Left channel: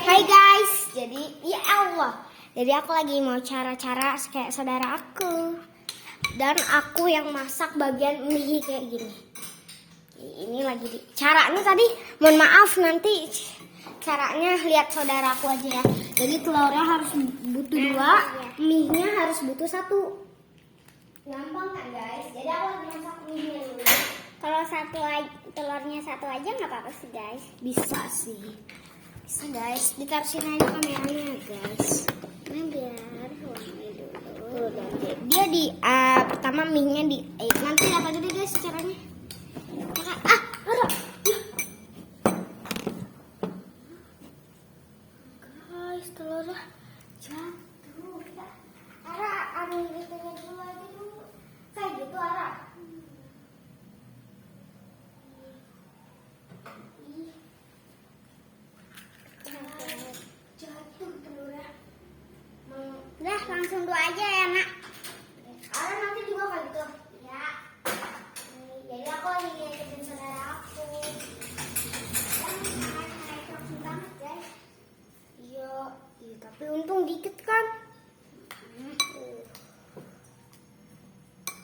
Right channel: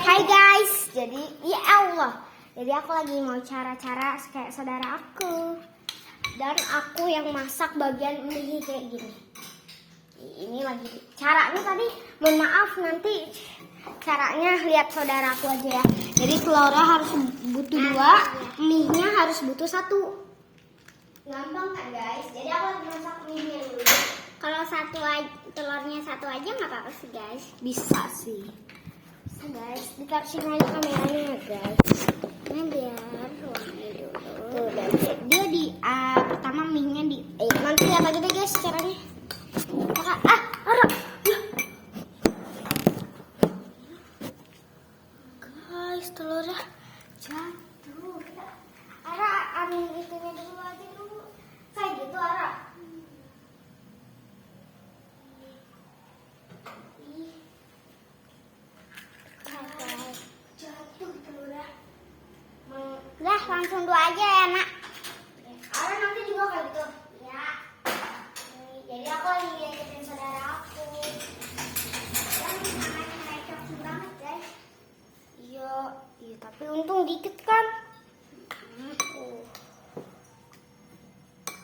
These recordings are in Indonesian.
Hai guys, jadi ya Allah. Jadi aku lagi mau cara-cara kayak saudara aku. Dan aku yang masak bagian mie kayak gini. Ini lagi caranya tadi, mohon maaf nanti caranya lihat saudara aku aja ya. Jadi telurnya harus butuh 2, mie-nya harus butuh 1. Gampang kan guys? Jadi aku lagi masak mie-nya dulu. Kalau telurnya 1 aja nggak apa-apa sih guys. Bisa sih. Bisa guys, dikasih aja kameranya guys. Nah biar wangi dulu. Tuh, dia di pertama mie-nya di nanti lihat aja deh guys caranya. Guys, telurnya jatuh. Ara, ambil itunya dulu aja dulu. Kayak gitu Ara. Jatuh telurnya. Udah langsung 2 aja ya nak. Ara nanti juga kayak gitu. Ya. Jadi aku lagi ngikutin saudara aku. Dan cocok banget guys. Iya, tapi untung dikit kan.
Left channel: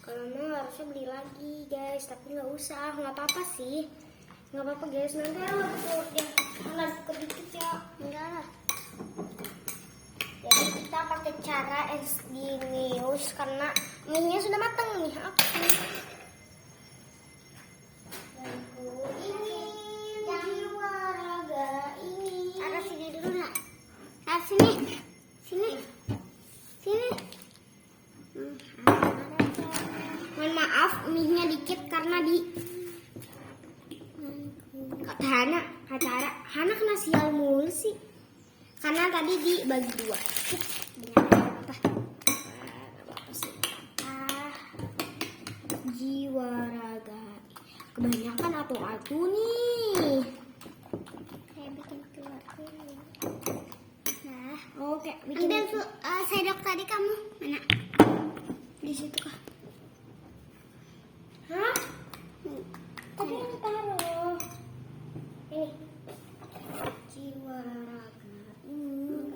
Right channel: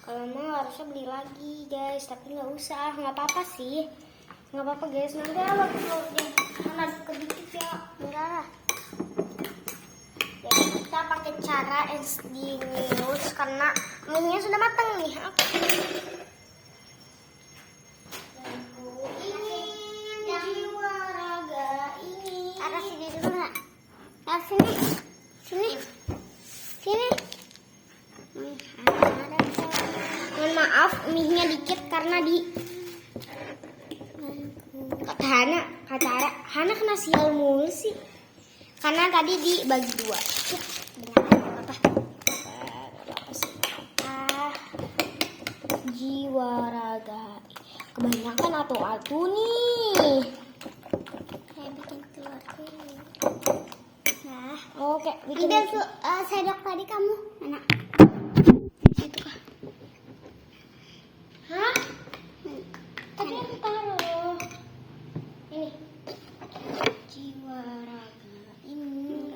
Kalau mau harusnya beli lagi guys, tapi nggak usah, nggak apa-apa sih, nggak apa-apa guys. Nanti kalau deh karena kedikit ya enggak. Jadi kita pakai cara SD-news karena mie-nya sudah matang nih. Oke. Jiwa raga ini. Ada sini dulu nggak? Sini. Mohon maaf, mie-nya dikit karena di kata Hana kena sial mulu sih. Karena tadi dibagi 2. Apa? Jiwa raga. Kebanyakan atu nih. Kayak bikin telur dulu. Nah, oke. Ambil tuh sendok tadi kamu mana? Di situ kah? Hah? Tadi aku taruh. Ini. Jiwa raga ini.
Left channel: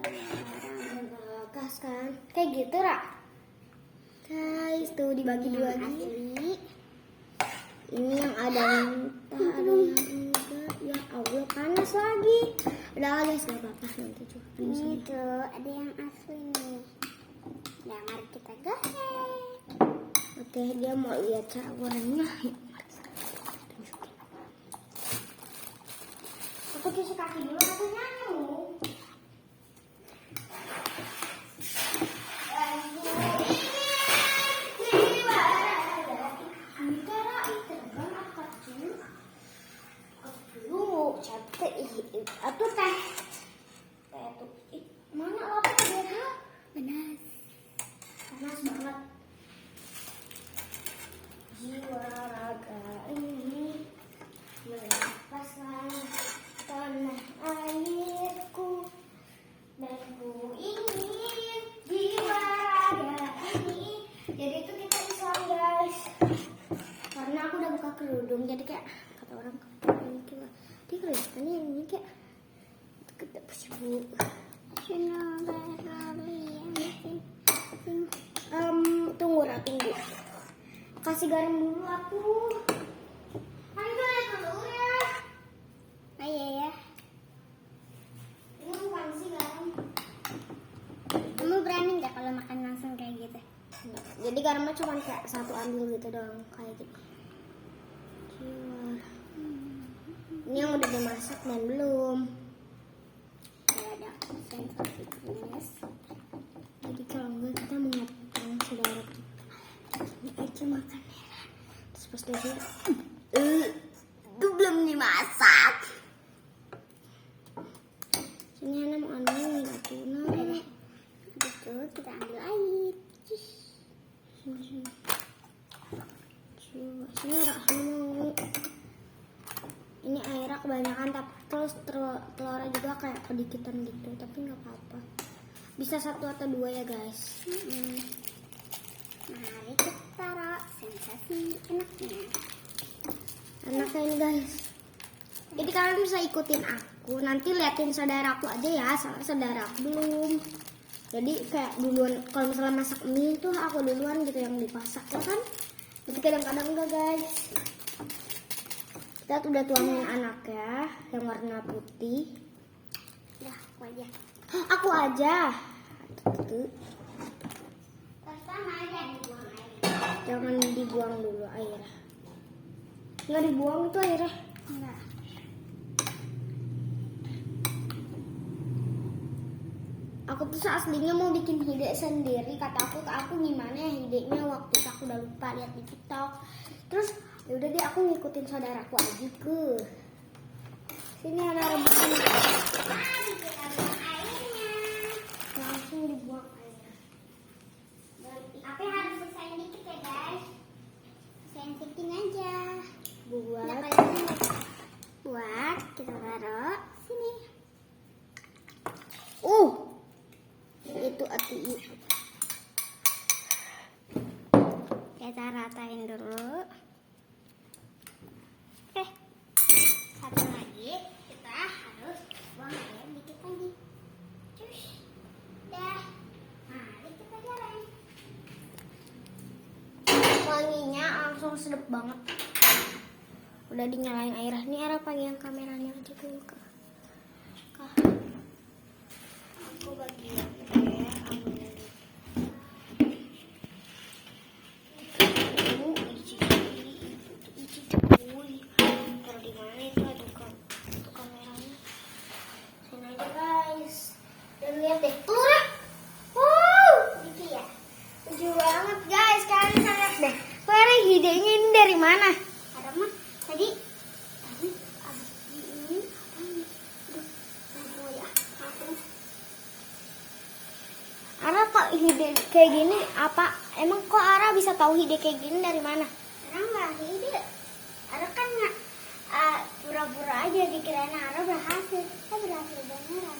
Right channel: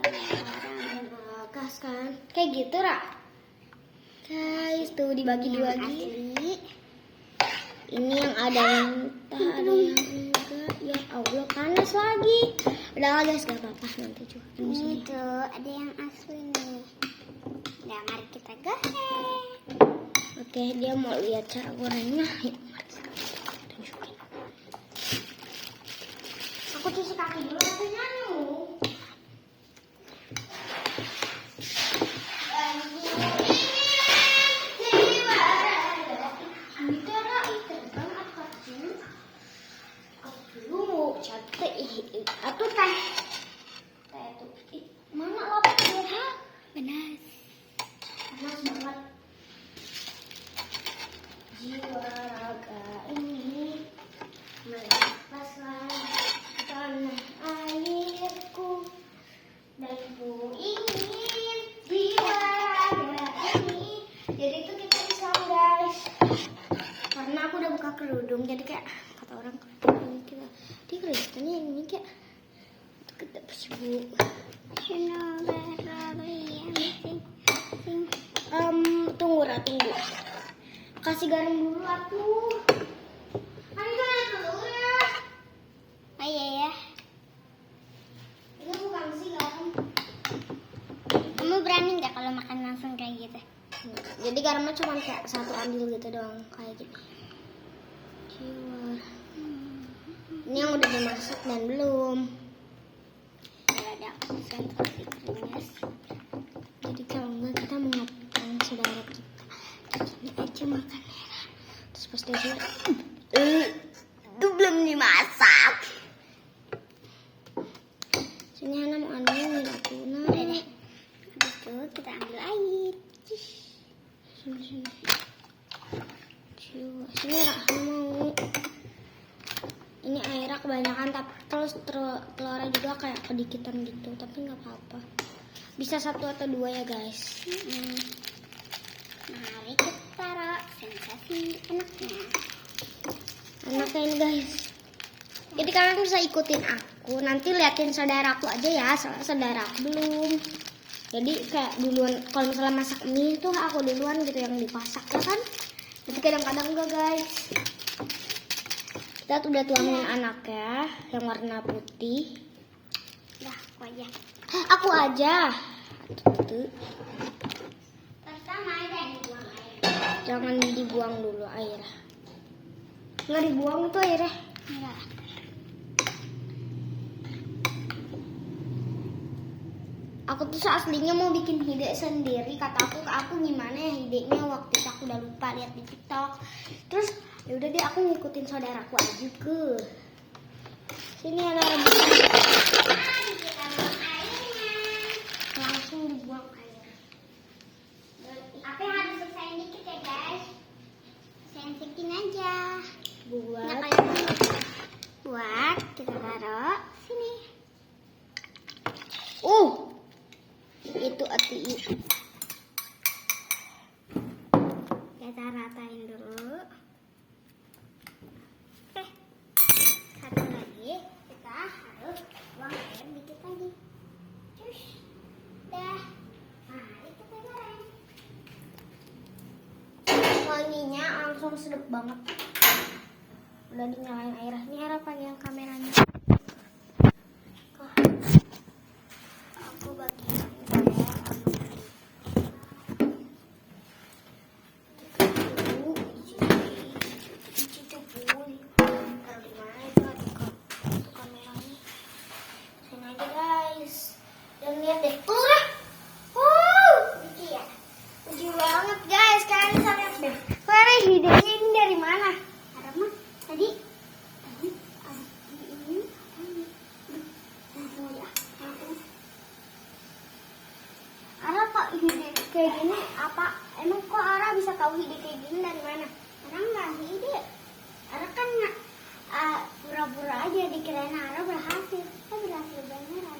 Gas kan? Kayak gitu, Ra. Guys, tuh dibagi 2 lagi. Ini yang ada mentah, ada yang enggak. Ya Allah, panas lagi. Udah guys, gak apa-apa nanti juga. Ini tuh ada yang asli nih. Nah, mari kita goreng. Oke, dia mau lihat cara gorengnya. Yuk, mari kita tunjukin. Aku cuci kaki dulu nanti nyamuk. Atau teh tuh mana lapar dia? Panas banget. Jiwa raga ini melepaskan tanah airku dan ku ingin jiwa raga ini. Jadi itu kita bisa guys, karena aku udah buka kerudung jadi kayak kata orang kita dia kelihatannya ini kayak kita bu. Tunggu. Kasih garam dulu atuh. Ayo lihat dulu ya. Oh iya ya. Ini bukan sih garam. Kamu berani nggak kalau makan langsung kayak gitu? Jadi garamnya cuma kayak 1 ambil gitu doang kayak gini. Ini yang udah dimasak dan belum. Ada sentrifugnya. Jadi kalau enggak kita mau ngapain saudara kita. Ini aja makannya. Terus pas dia itu belum dimasak. Sini Hana mau ambil tuna. Udah deh. Habis itu kita ambil air. Sini. Sini Ra, Hana mau. Ini airnya kebanyakan tapi terus telurnya juga kayak kedikitan gitu, tapi nggak apa-apa. Bisa 1 atau 2 ya guys. Mari kita taruh sensasi enaknya ini guys. Jadi kalian bisa ikutin aku saudaraku. Nanti liatin saudaraku aja ya, soalnya saudaraku belum. Jadi kayak duluan, kalau misalnya masak mie tuh aku duluan gitu yang dipasak ya kan. Tapi kadang-kadang enggak guys. Kita udah tuangin anaknya yang warna putih. Dah, aku aja. Aku aja. Tuh. Pertama aja dibuang air. Jangan dibuang dulu airnya. Nggak dibuang itu airnya. Enggak. Aku tuh aslinya mau bikin ide sendiri. Kata aku ke aku gimana ya idenya, waktu itu aku udah lupa lihat di TikTok. Terus ya udah deh aku ngikutin saudaraku aja ke. Sini ada rebusan. Langsung dibuang air. Tapi harus selesai dikit ya guys. Sensitin aja. Buat kita taruh sini. Itu hati. Kita ratain dulu. Oke. Satu lagi kita harus buang air dikit lagi. Terus dah. Mari kita jalan. Wanginya langsung sedap banget. Udah dinyalain air. Ini ada pakai yang kameranya. Aku bagian idenya dari mana? Tadi Ara kok ide kayak gini apa? Emang kok Ara bisa tahu ide kayak gini dari mana? Ara nggak ide. Ara kan pura-pura aja dikirain Ara berhasil. Kok berhasil beneran?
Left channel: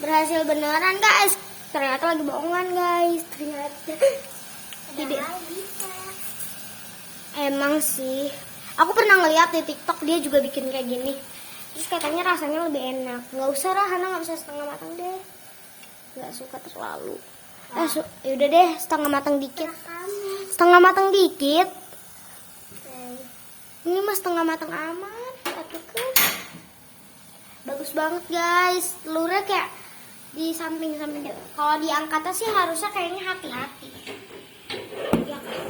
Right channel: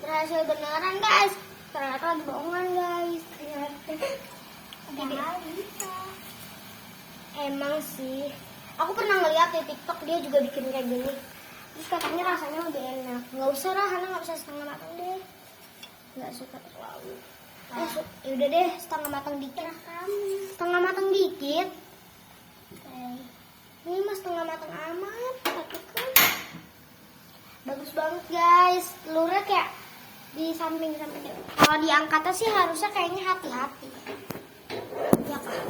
Berhasil beneran guys. Ternyata lagi bohongan guys. Ternyata ide. Emang sih, aku pernah ngeliat di TikTok dia juga bikin kayak gini. Terus katanya rasanya lebih enak. Nggak usah lah, Hana nggak bisa setengah matang deh. Nggak suka terlalu. Yaudah deh, setengah matang dikit. Setengah matang dikit. Ini mah setengah matang aman. Bagus banget guys. Telurnya kayak di samping-samping. Kalau diangkatnya sih harusnya kayaknya hati-hati. Ya kan?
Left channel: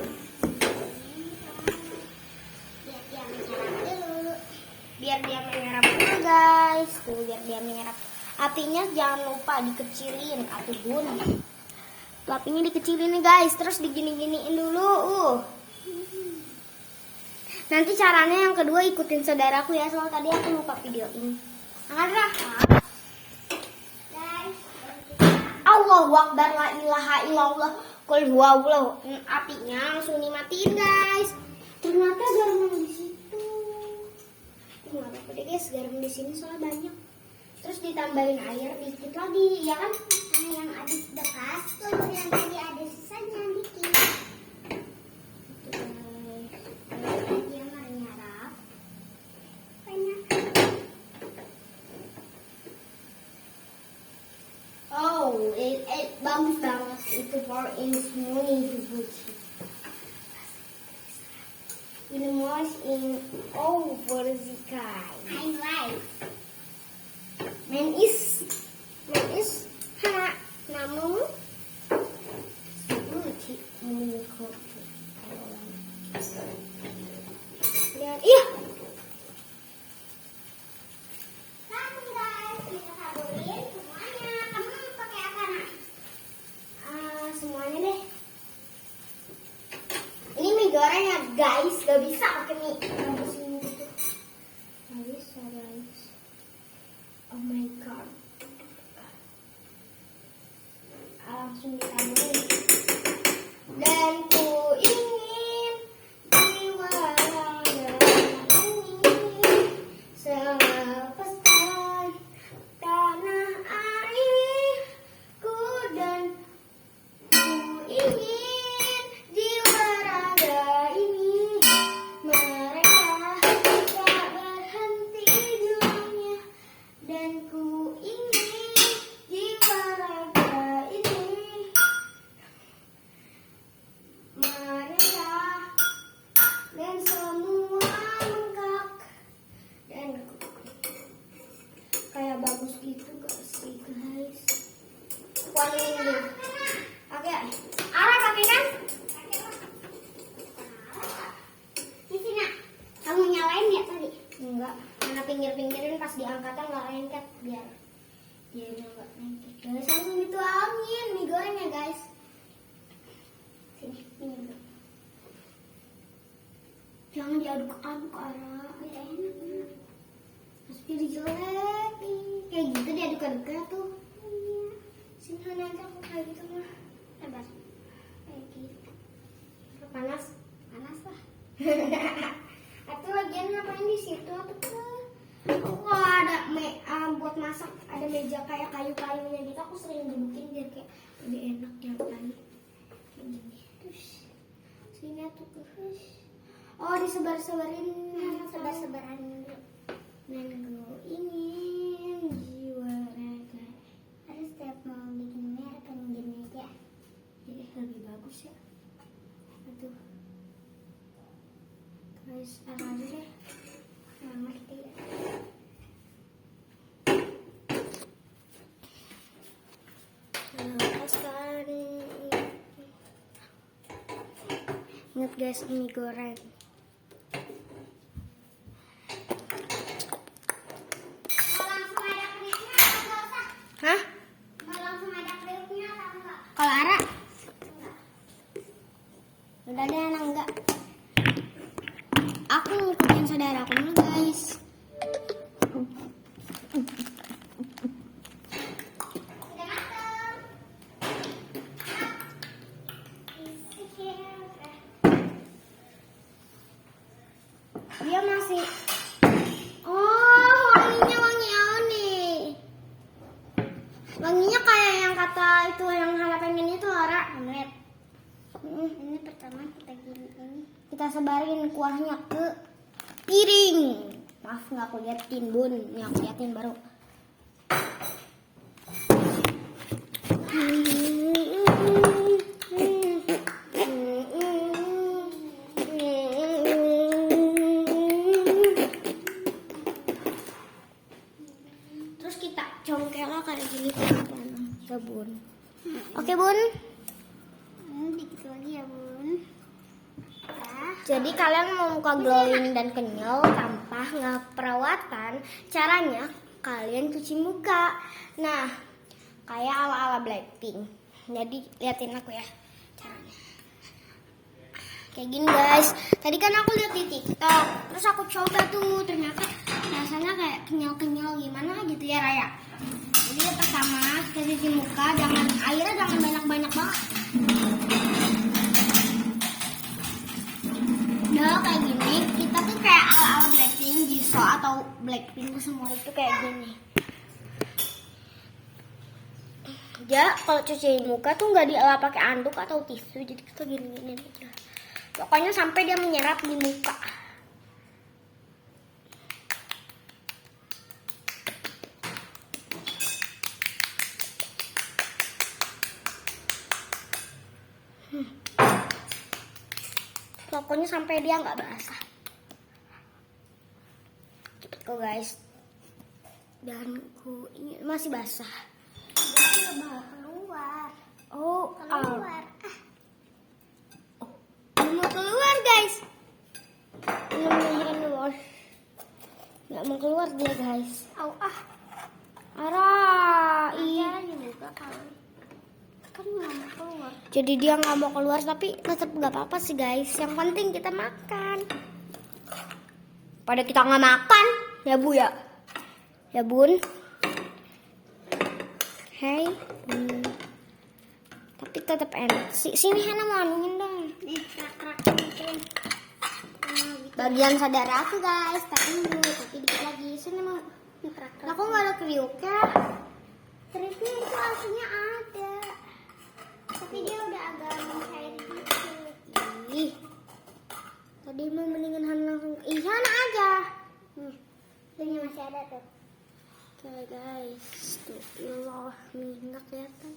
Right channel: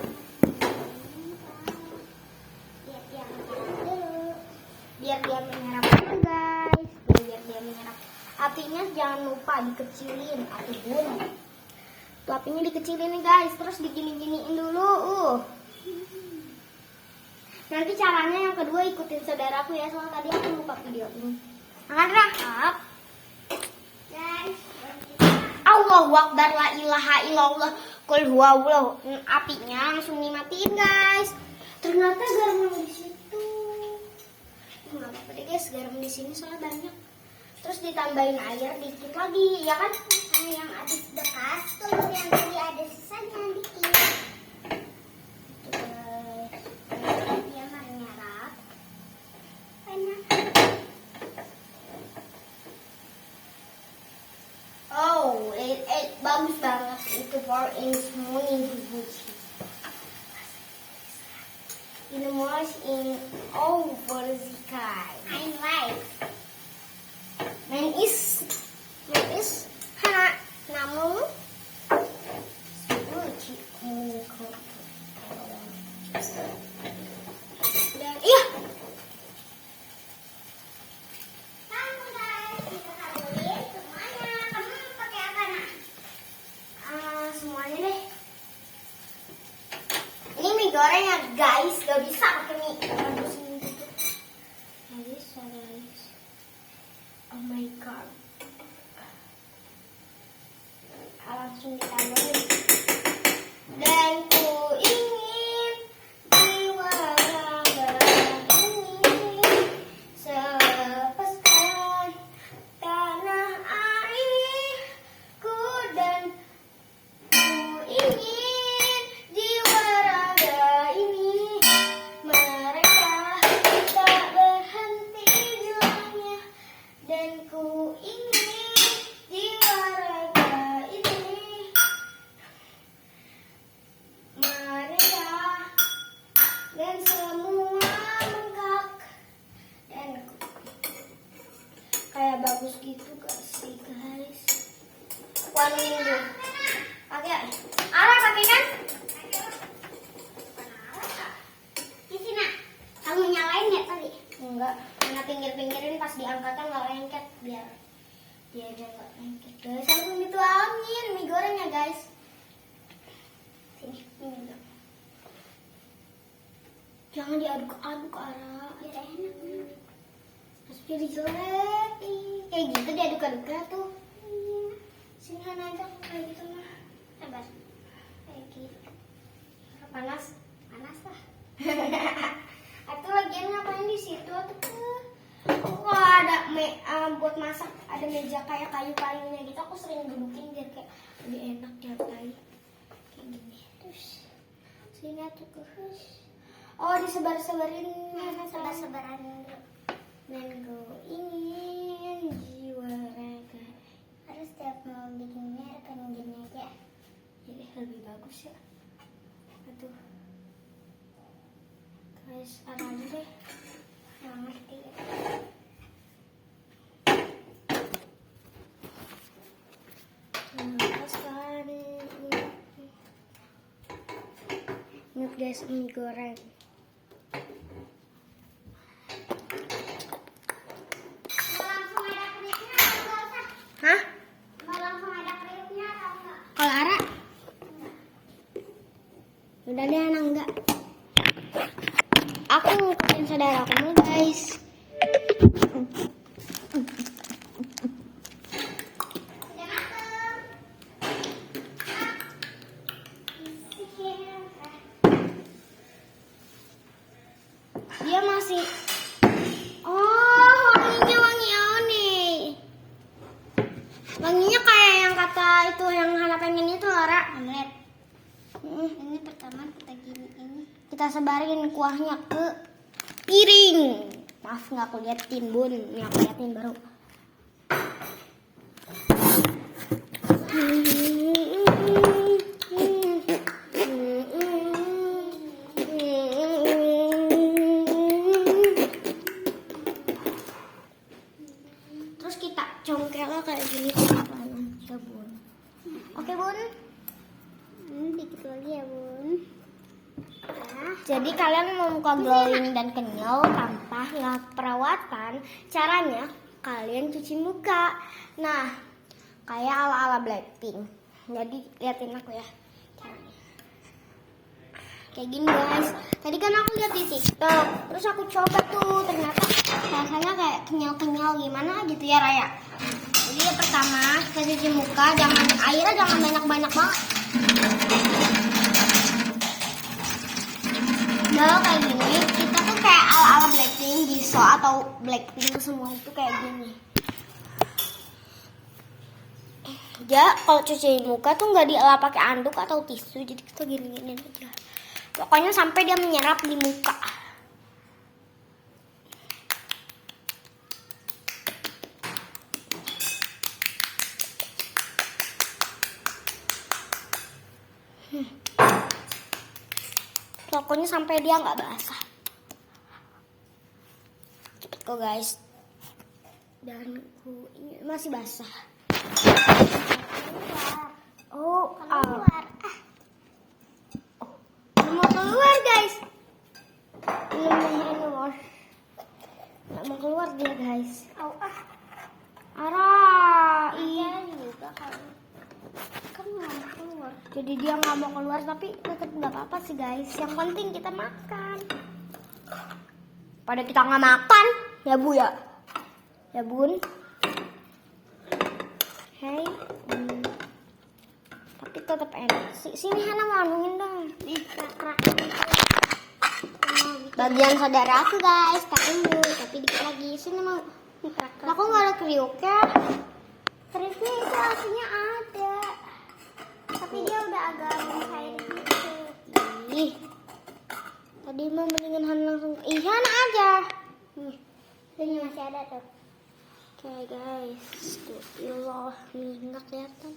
Biar dia menyerap dulu guys. Biar dia menyerap. Apinya jangan lupa dikecilin. Apinya dikecilin nih guys. Terus digini-giniin dulu. Nanti caranya yang kedua ikutin saudaraku ya. Soal tadi aku lupa video ini. Angkat guys. Allahu Akbar, la ilaha illallah, qul huwallahu. Apinya langsung dimatiin guys. Ternyata garam di situ. Nggak apa-apa deh guys, garam di sini soalnya banyak. Terus ditambahin air dikit lagi, ya kan? Yang ada dekat tuh, yang tadi ada sisanya dikit. Dia menyerap. Enak. Oh, bagus banget itu for in morning dibuci. In the morning in over the sky. I like. Man is namamu lucu dan iya. Semuanya deh. Ini mie goreng ya guys, gak bisa pakai mie. Gak bisa guys. Oh my god. Langsung ditambahin. Dan ku ingin jiwa raga ini sepasang tanah airku, dan ku ingin jiwa raga ini mereka ini dulu. Pakai. Ara pakai kan? Di sini. Kamu nyalain ya tadi? Enggak. Karena pinggir-pinggirin pas diangkatnya nggak lengket biar dia aja nggak lengket. Guys, langsung dituangin mie goreng ya guys. Sini, ini dulu. Jangan diaduk-aduk Ara. Biar enak. Terus jadi jelek. Kayak gitu diaduk-aduknya tuh. Sini aja kayak gitu mah. Sabar. Kayak gitu. Panas? Panas lah. Itu lagian ngapain di situ tuh? Kalau ada buat masak ada meja kayak kayu-kayunya gitu, aku sering dudukin biar kayak lebih enak nyantai. Kayak gini. Terus sini tuh terus. Oh disebar-sebarin. Sebar-sebaran dulu. Mango ini jiwa raga. Harus setiap mau bikinnya pengen gini aja. Jadi lebih bagus ya. Aduh. Guys, apa aja deh? Nggak ngerti ya. Ingat guys, mie goreng. Hah? Kalau Ara? Udah deh anak enggak. Aku ngikutin saudara aku dulu guys. Dia masih. Oh, wanginya nih. Wanginya kayak yang kata itu yang Hana pengen itu Lara. Lihat. Ini pertama kita gini ini. Kita sebarin kuahnya ke piring. Maaf nggak aku liatin bun. Ini aku liatin baru. Terus kita congkelnya kayak gini ya bun. Oke bun. Dikit lagi ya bun. Jadi kalian mau muka glowing dan kenyal tanpa perawatan, caranya kalian cuci muka. Nah, kayak ala-ala Blackpink. Jadi liatin aku ya caranya. Kayak gini guys. Tadi kan aku lihat di TikTok, terus aku coba tuh, ternyata rasanya kayak kenyal-kenyal gimana gitu ya Raya. Jadi yang pertama kita cuci muka, airnya jangan banyak-banyak banget. Kalau kayak gini, kita tuh kayak ala-ala Blackpink, Jisoo atau Blackpink semua itu kayak gini. Ya, kalau cuci muka tuh nggak dielap pakai anduk atau tisu, jadi kita gini-gini aja. Pokoknya sampai dia menyerap di muka. Pokoknya sampai dia nggak basah. Cepet kok guys. Dan ini masih basah. Oh, keluar. Mau keluar guys. Nggak mau keluar dia guys. Ara, iya juga kan nggak mau keluar. Jadi dia nggak mau keluar tapi tetap nggak apa-apa sih guys. Yang penting kita makan. Pada kita nggak makan, ya bu ya, ya bun. Hey, tapi tetap enak. Sini Hana mau anuin dong. Nih kerak-kerak. Bagian saudara aku guys, tak dulu, tapi dikit lagi. Sini mau. Aku nggak ada kriuknya. Kriuknya itu aslinya ada, tapi dia udah agak mencair gitu. Ih, tadi mau mendingan Hana langsung. Hana aja. Ini masih ada tuh. Oke guys, tuh ilah minyak kelihatan.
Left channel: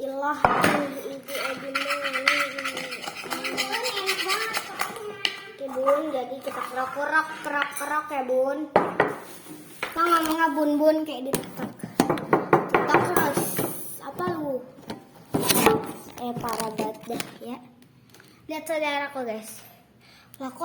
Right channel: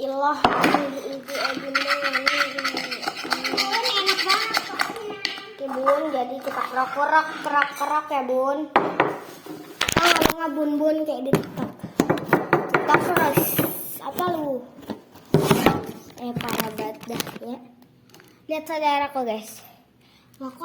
Ilah ini enak banget pokoknya. Oke bun, jadi kita kerak-kerak ya bun. Oh nggak bun-bun kayak di TikTok. terus apa lu? Parah banget dah ya. Lihat saudaraku guys. Lah kok